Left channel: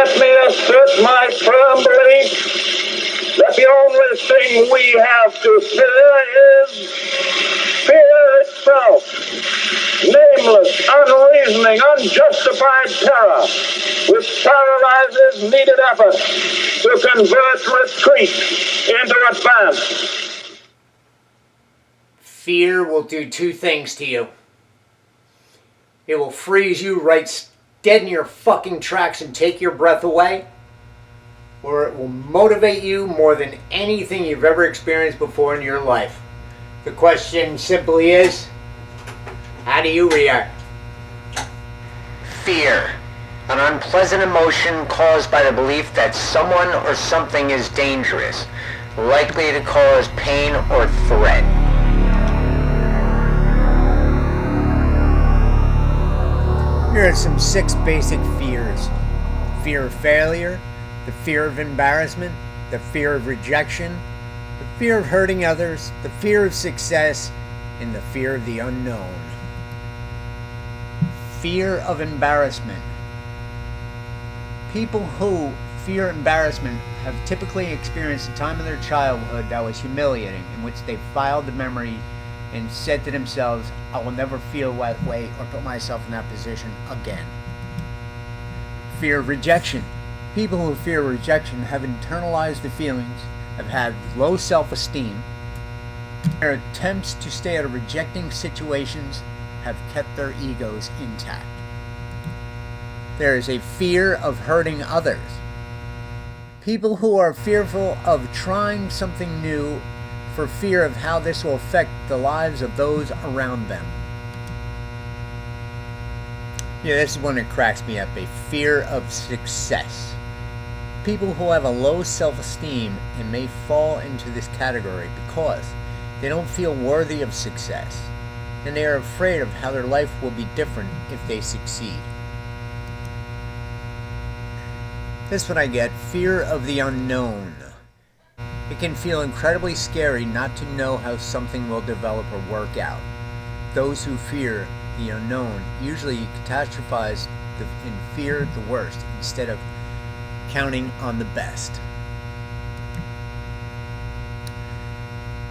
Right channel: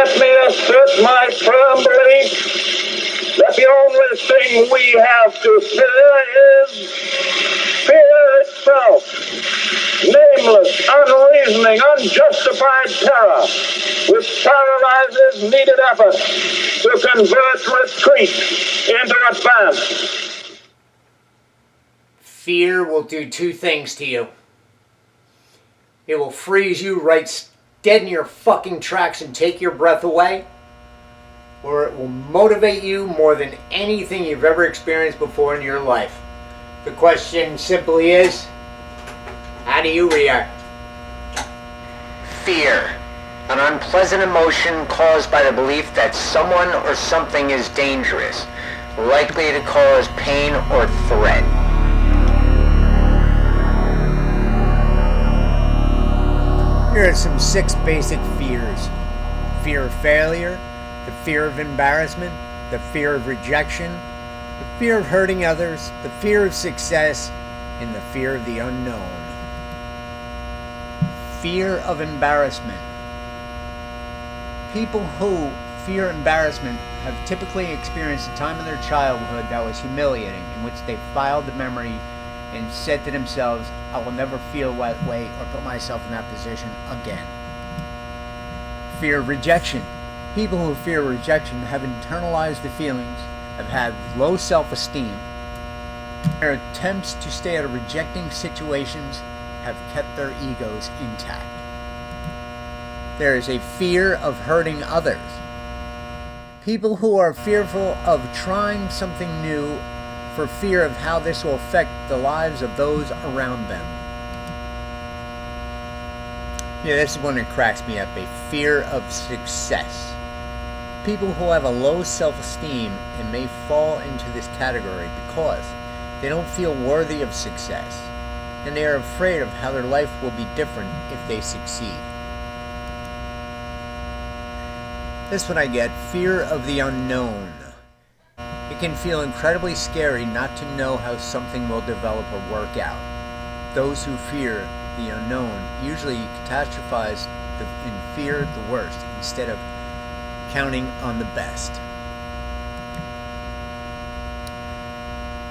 let me assert my firm belief that the only thing we have to fear is fear itself. Nameless, unreasoning, unjustified terror, which paralyzes needed effort to convert retreat into advance. Fear will do two things to you. It will freeze you right dead in your fucking tracks and take your breath away, or it will motivate you more than anything you've ever experienced before in your life. The question simply is, how do you react? Fear, an unpleasant emotion caused by the belief that someone or something is dangerous, likely to cause pain or threat. Here are some 6 basic fears. Fear of failure, the fear of embarrassment, the fear of rejection, the fear of hurting others, the fear of success, and the fear of the unknown. Fear of embarrassment. People who fear embarrassment have typically experienced a time in their childhood that was humiliating, in which they filed the memory and said to themselves, I will never feel that way or put myself in that position again. Fear of rejection. People who fear rejection have internalized the feelings, have had low self-esteem. Their attempts to stay out of rejecting situations have kept their egos intact. There is a fear of hurting others. People who are fearful of trying something new for fear of how this will affect the lives of those around them. Yeah, this is one that cracks me up. A fear of success. People who have a low self-esteem and may fall into this category because they don't feel worthy of success, and they are afraid of how their life will be different if they succeed. This one I get, fear of the unknown. It can feel incredibly scary not to know how something will develop or work out. Those who fear the unknown usually catastrophize and fear the worst instead of counting on the best.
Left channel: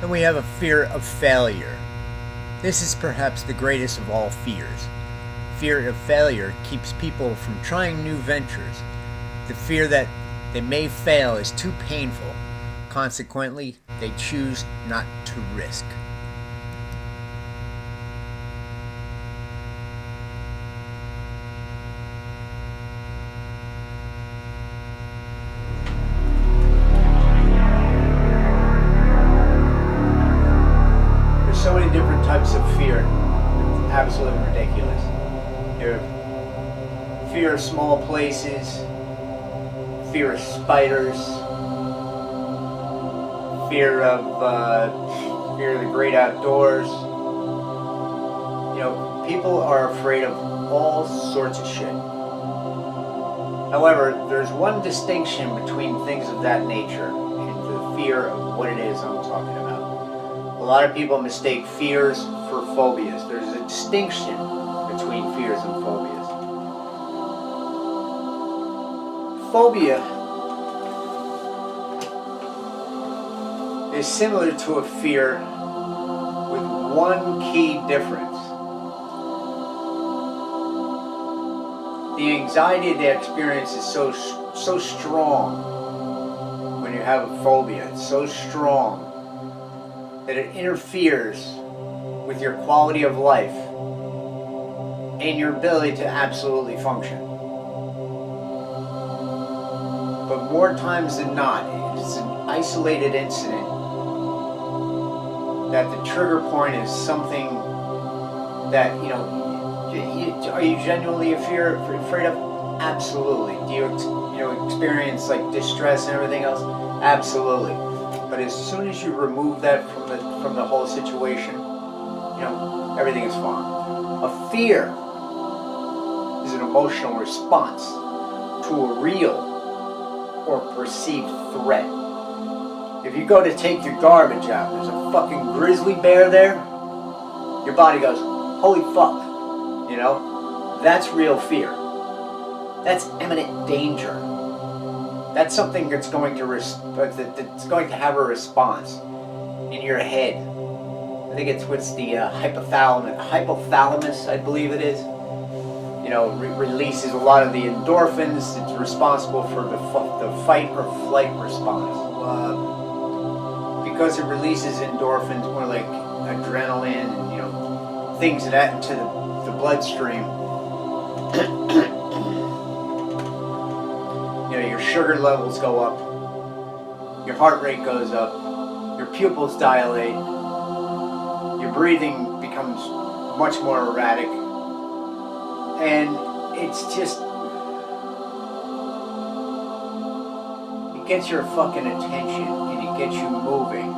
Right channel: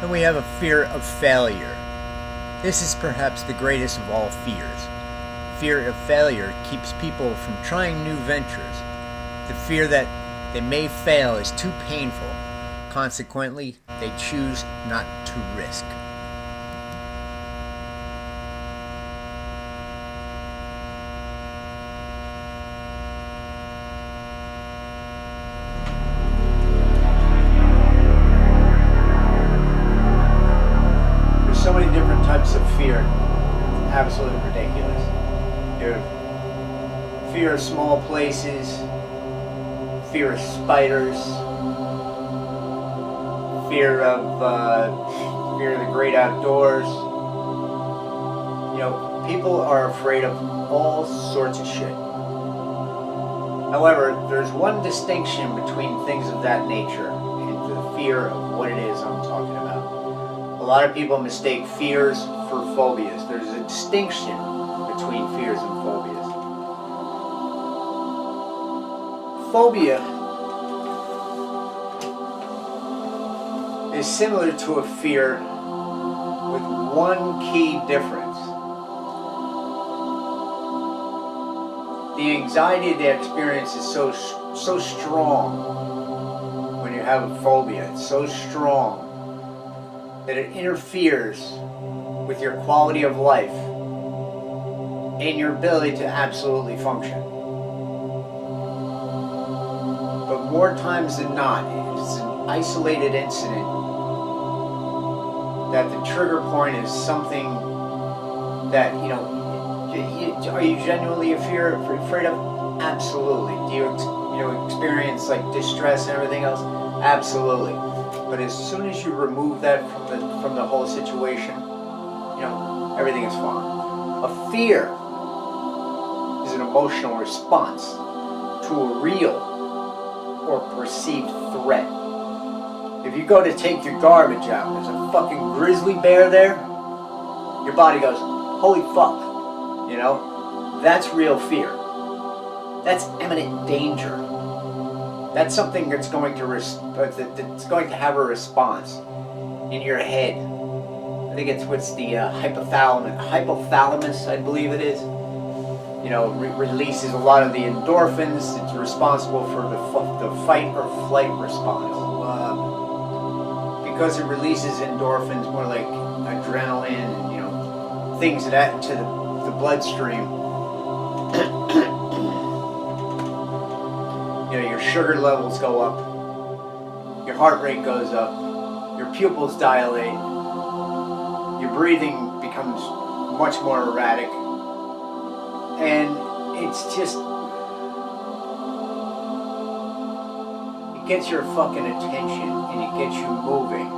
And we have a fear of failure. This is perhaps the greatest of all fears. Fear of failure keeps people from trying new ventures. The fear that they may fail is too painful. Consequently, they choose not to risk. There's so many different types of fear. It's absolutely ridiculous. You have fear of small places, fear of spiders, fear of the great outdoors. You know, people are afraid of all sorts of shit. However, there's one distinction between things of that nature and the fear of what it is I'm talking about. A lot of people mistake fears for phobias. There's a distinction between fears and phobias. Phobia is similar to a fear with one key difference. The anxiety they experience is so strong when you have a phobia. It's so strong that it interferes with your quality of life and your ability to absolutely function. But more times than not, it is an isolated incident that the trigger point is something that, are you genuinely afraid of? Absolutely. Do you experience like distress and everything else? Absolutely. But as soon as you remove that from the whole situation, everything is fine. A fear is an emotional response to a real or perceived threat. If you go to take your garbage out and there's a fucking grizzly bear there, your body goes, holy fuck. That's real fear. That's imminent danger. That's something that's going to that's going to have a response in your head. I think it's what's the hypothalamus, I believe it is. You know, releases a lot of the endorphins. It's responsible for the fight or flight response. Because it releases endorphins, more like adrenaline and, you know, things that into the bloodstream. You know, your sugar levels go up, your heart rate goes up, your pupils dilate, your breathing becomes much more erratic, and it's just, it gets your fucking attention, and it gets you moving,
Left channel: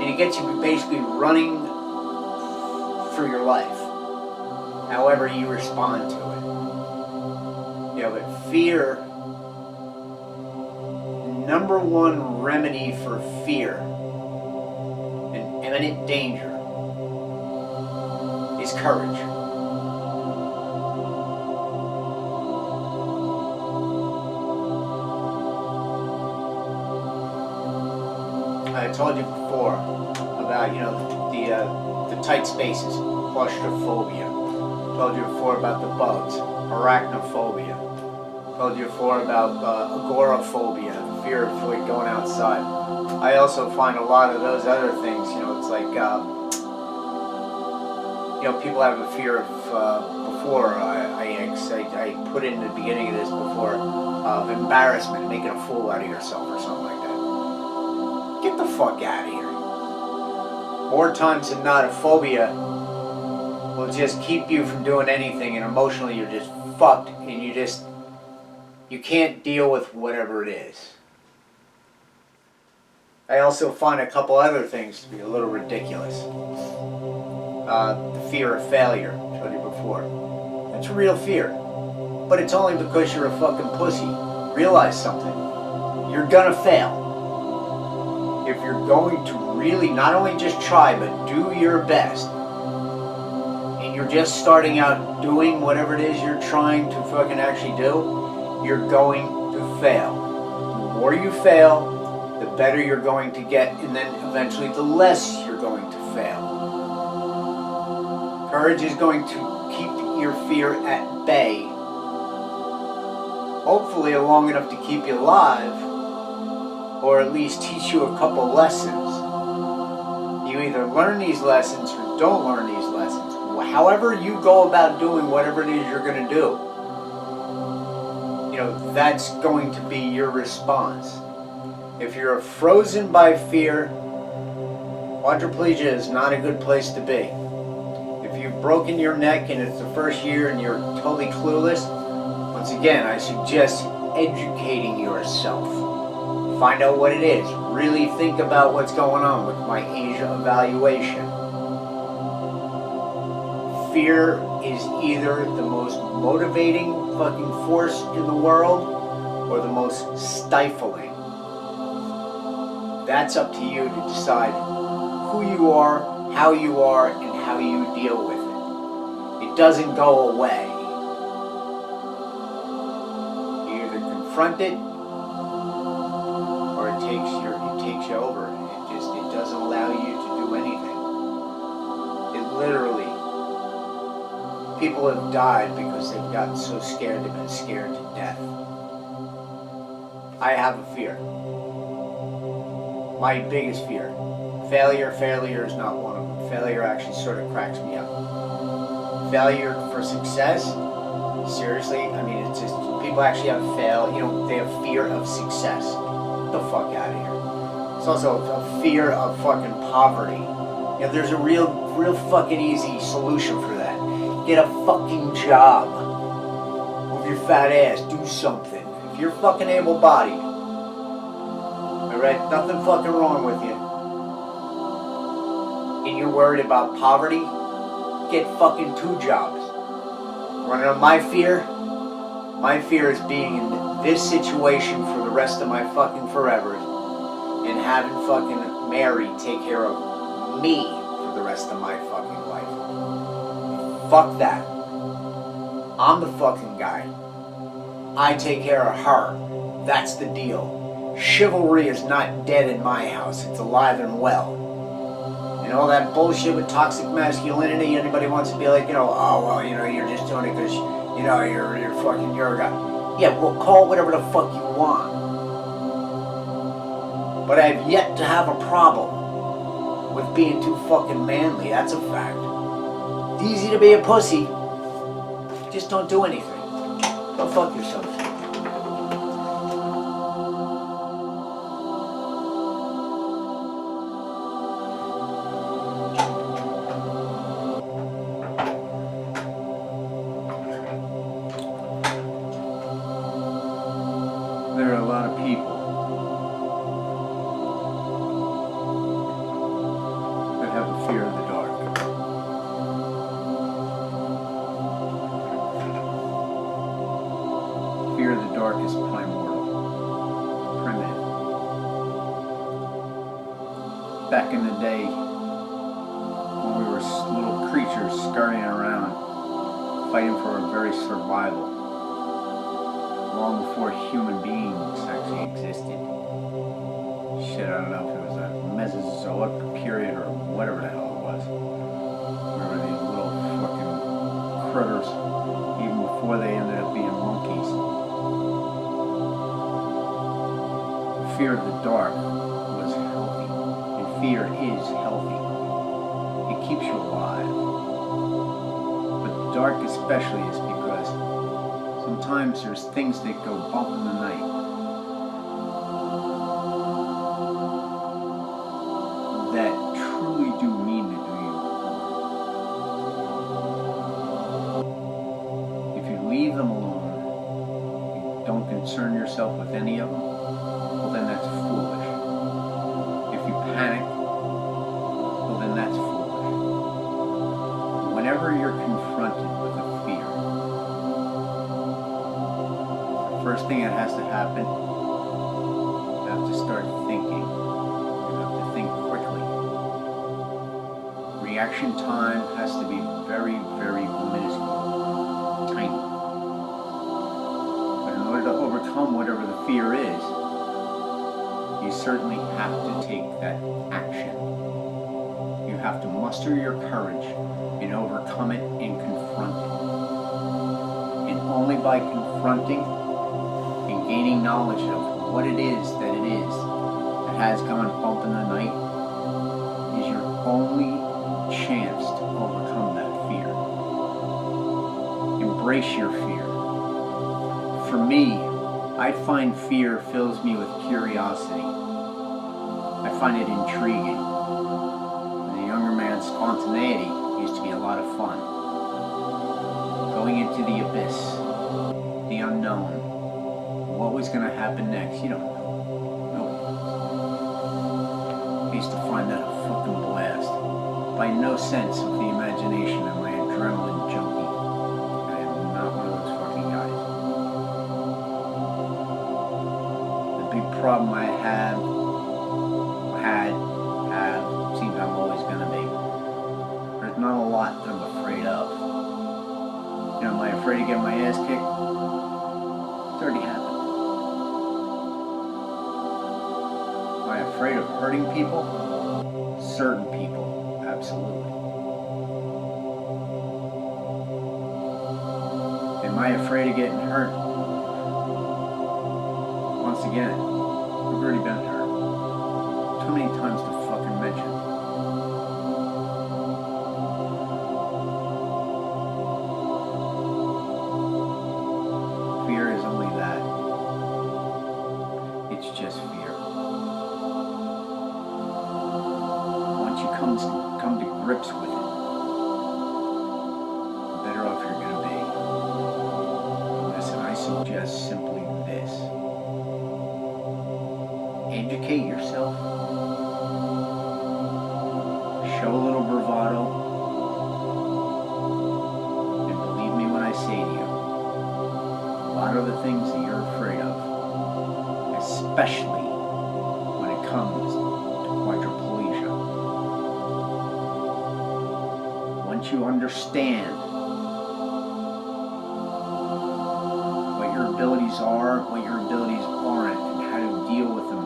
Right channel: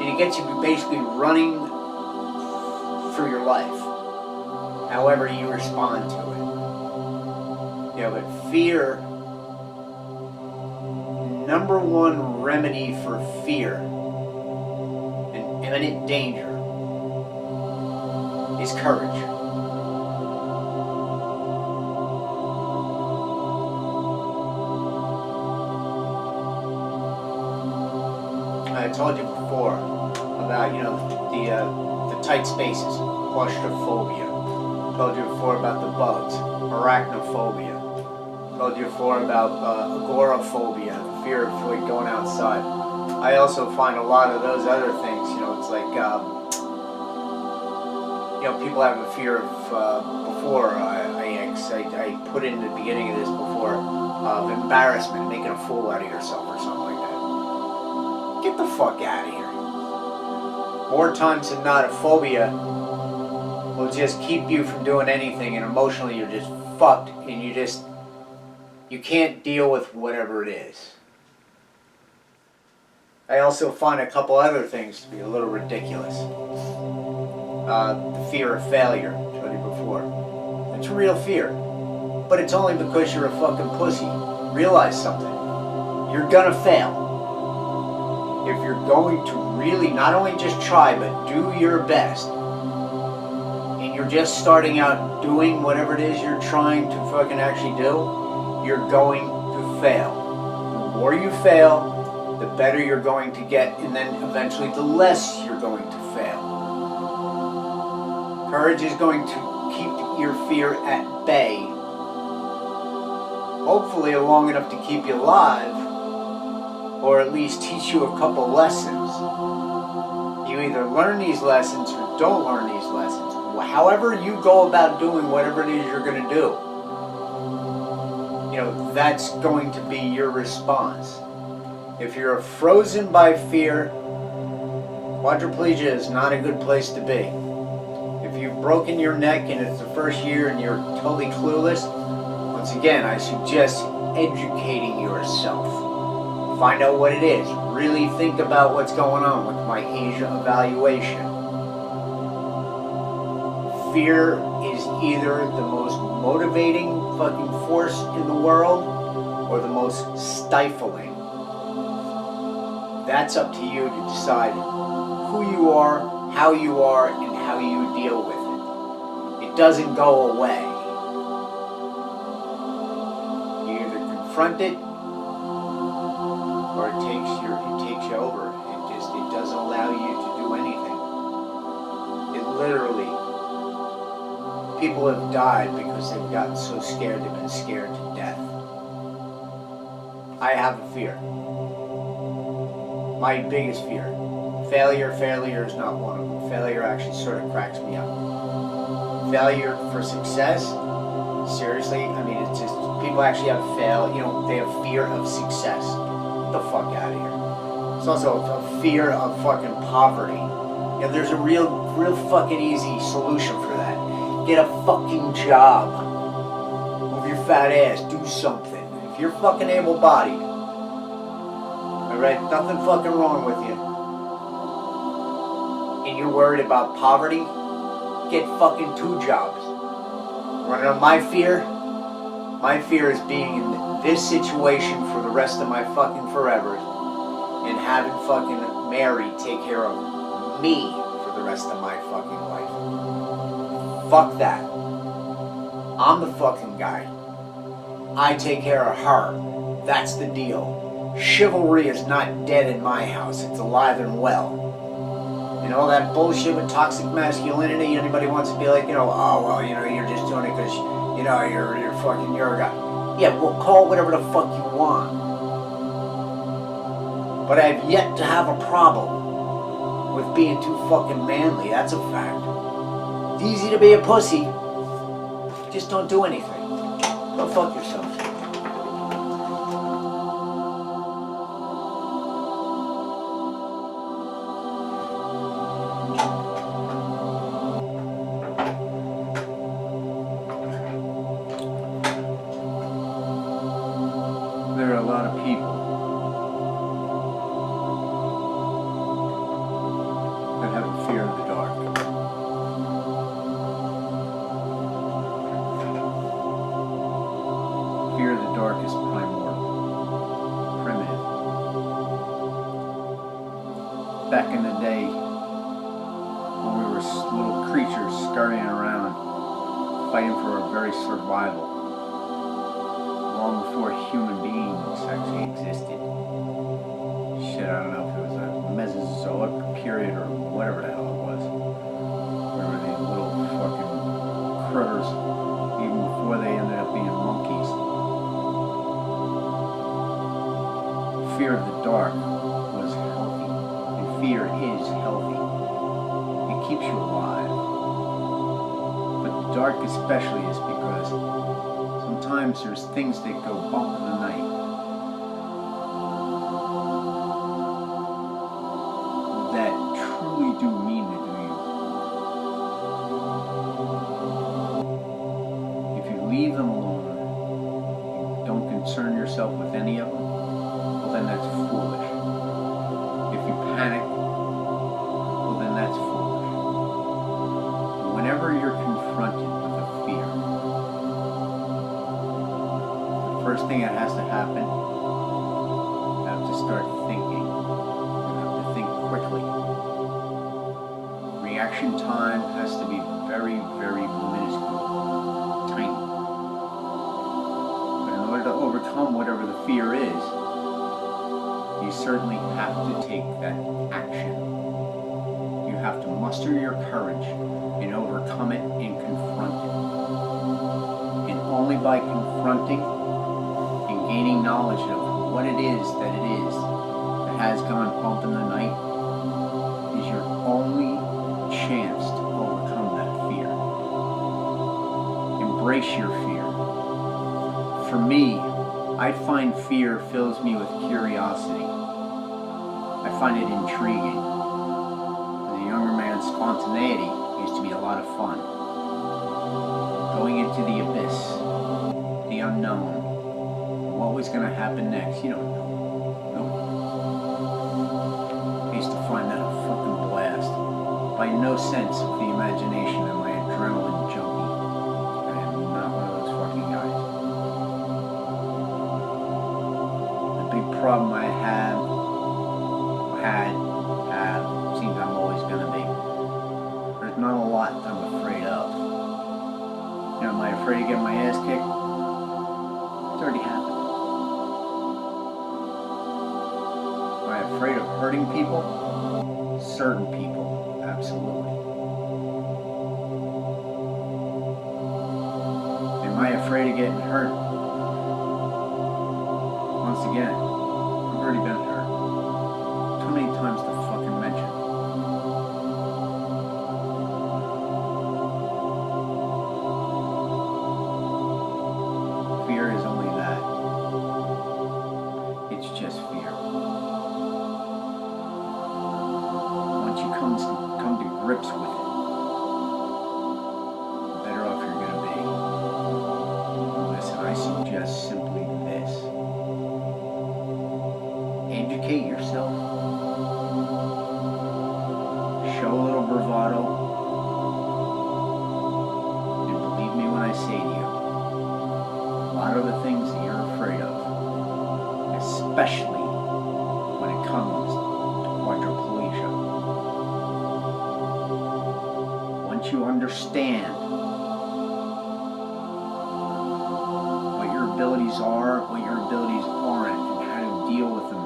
and it gets you basically running for your life, however you respond to it. You know, but fear, number one remedy for fear and imminent danger is courage. I told you before about, you know, the tight spaces, claustrophobia. Told you before about the bugs, arachnophobia. Told you before about agoraphobia, the fear of like going outside. I also find a lot of those other things, you know, it's like, you know, people have a fear of, before I put in the beginning of this before, of embarrassment, making a fool out of yourself or something like that. Get the fuck out of here. More times than not, a phobia will just keep you from doing anything, and emotionally you're just fucked, and you can't deal with whatever it is. I also find a couple other things to be a little ridiculous. The fear of failure, I told you before. It's a real fear. But it's only because you're a fucking pussy. Realize something. You're gonna fail. If you're going to really not only just try, but do your best, and you're just starting out doing whatever it is you're trying to fucking actually do, you're going to fail. The more you fail, the better you're going to get, and then eventually the less you're going to fail. Courage is going to keep your fear at bay, hopefully long enough to keep you alive, or at least teach you a couple lessons. You either learn these lessons or don't learn these lessons. However you go about doing whatever it is you're going to do, you know, that's going to be your response. If you're frozen by fear, quadriplegia is not a good place to be. If you've broken your neck and it's the first year and you're totally clueless, once again, I suggest educating yourself. Find out what it is. Really think about what's going on with my Asia evaluation. Fear is either the most motivating fucking force in the world or the most stifling. That's up to you to decide who you are, and how you deal with it. It doesn't go away. You either confront it or it takes you over. It doesn't allow you to do anything. It literally, people have died because they've gotten so scared they've been scared to death. I have a fear. My biggest fear. Failure is not one of them. Failure actually sort of cracks me up. Failure for success, seriously, I mean, it's just, people actually have they have fear of success. Get the fuck out of here. It's also a fear of fucking poverty. You know, there's a real fucking easy solution for that. Get a fucking job. Move your fat ass, do something. If you're fucking able-bodied, alright, nothing fucking wrong with you, and you're worried about poverty, get fucking 2 jobs. Running on my fear is being in this situation for the rest of my fucking forever and having fucking Mary take care of me for the rest of my fucking life. Fuck that. I'm the fucking guy. I take care of her. That's the deal. Chivalry is not dead in my house. It's alive and well. And all that bullshit with toxic masculinity, anybody wants to be like, oh, well, you're just doing it because, you're fucking, you're a guy. Yeah, well, call it whatever the fuck you want. But I've yet to have a problem with being too fucking manly. That's a fact. It's easy to be a pussy. Just don't do anything. Go fuck yourself. There are a lot of people that have a fear of the dark. Fear of the dark is primordial, primitive. Back in the day, when we were little creatures scurrying around, fighting for our very survival, long before human beings actually existed. Shit, I don't know if it was a Mesozoic period or whatever the hell it was. We were these little fucking critters, even before they ended up being monkeys. Fear of the dark was healthy, and fear is healthy. It keeps you alive. But the dark especially is because sometimes there's things that go bump in the night that truly do mean to do you harm. If you leave them alone and don't concern yourself with any of them, well then that's foolish. If you panic, well then that's foolish. Whenever you're confronted with a fear, first thing that has to happen, you have to start thinking. You have to think quickly. Reaction time has to be very, very minuscule, tiny. But in order to overcome whatever the fear is, you certainly have to take that action. You have to muster your courage and overcome it and confront it. And only by confronting and gaining knowledge of what it is that has gone bump in the night is your only chance to overcome that fear. Embrace your fear. For me, I find fear fills me with curiosity. I find it intriguing. As a younger man, spontaneity used to be a lot of fun. Going into the abyss, the unknown. What was going to happen next? You don't know. Nobody knows. I used to find that a fucking blast. By no sense of the imagination am I adrenaline junkie. I am not one of those fucking guys. The big problem I have, seems I'm always going to be. There's not a lot that I'm afraid of. Am I afraid of getting my ass kicked? It's already happened. Am I afraid of hurting people? Certain people, absolutely. Am I afraid of getting hurt? Once again, I've already been hurt. Too many times to fucking mention. Fear is only that. It's just fear. Once you come to grips with it, the better off you're going to be. Listen, I suggest simply this. Educate yourself. Show a little bravado. And believe me when I say to you, a lot of the things that you're afraid of, especially when it comes to quadriplegia, once you understand what you're abilities are, what your abilities aren't, and how to deal with them,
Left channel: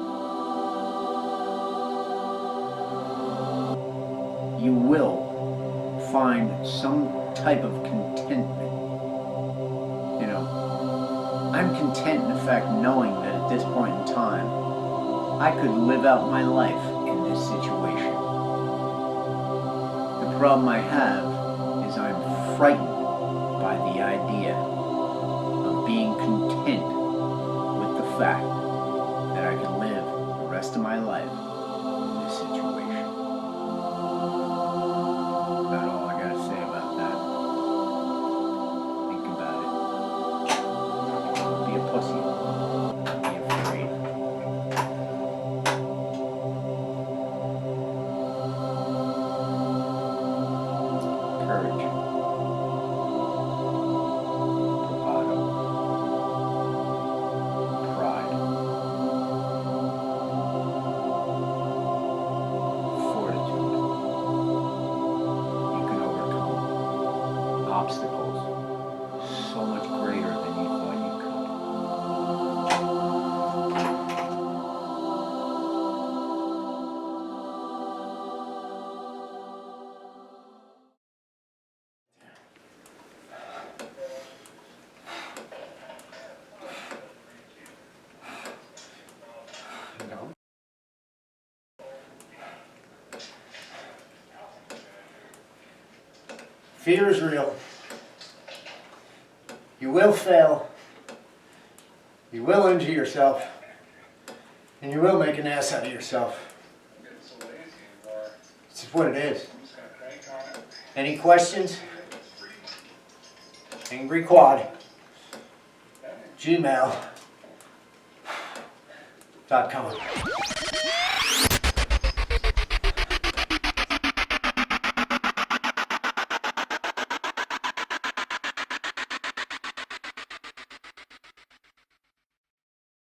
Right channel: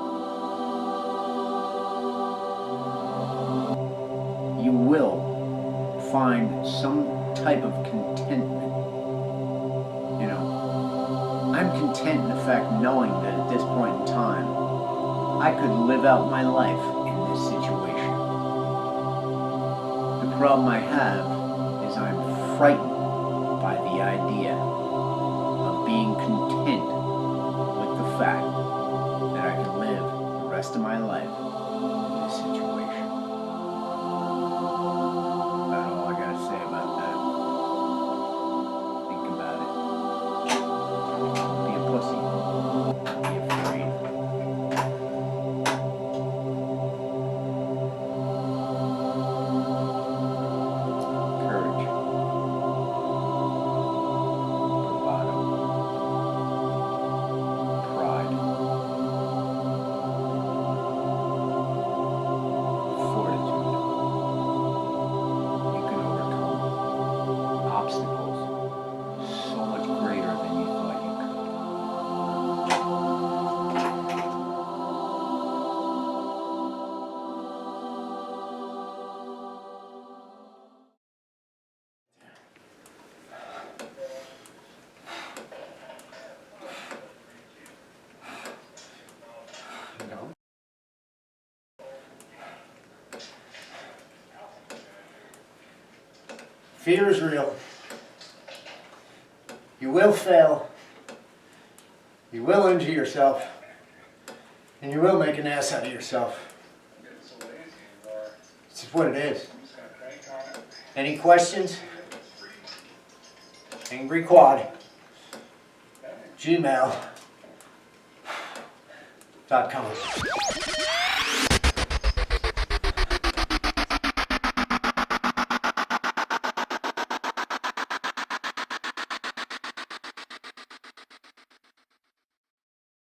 you will find some type of contentment. You know, I'm content in fact knowing that at this point in time, I could live out my life in this situation. The problem I have is I'm frightened by the idea of being content with the fact that I can live the rest of my life in this situation. About all I gotta say about that. Think about it. Don't be a pussy. Don't be afraid. Courage. Bravado. Pride. Fortitude. You can overcome obstacles so much greater than you thought you could. Fear is real. You will fail. You will injure yourself. And you will make an ass out of yourself. It's just what it is. Any questions? AngryQuad. Gmail.com.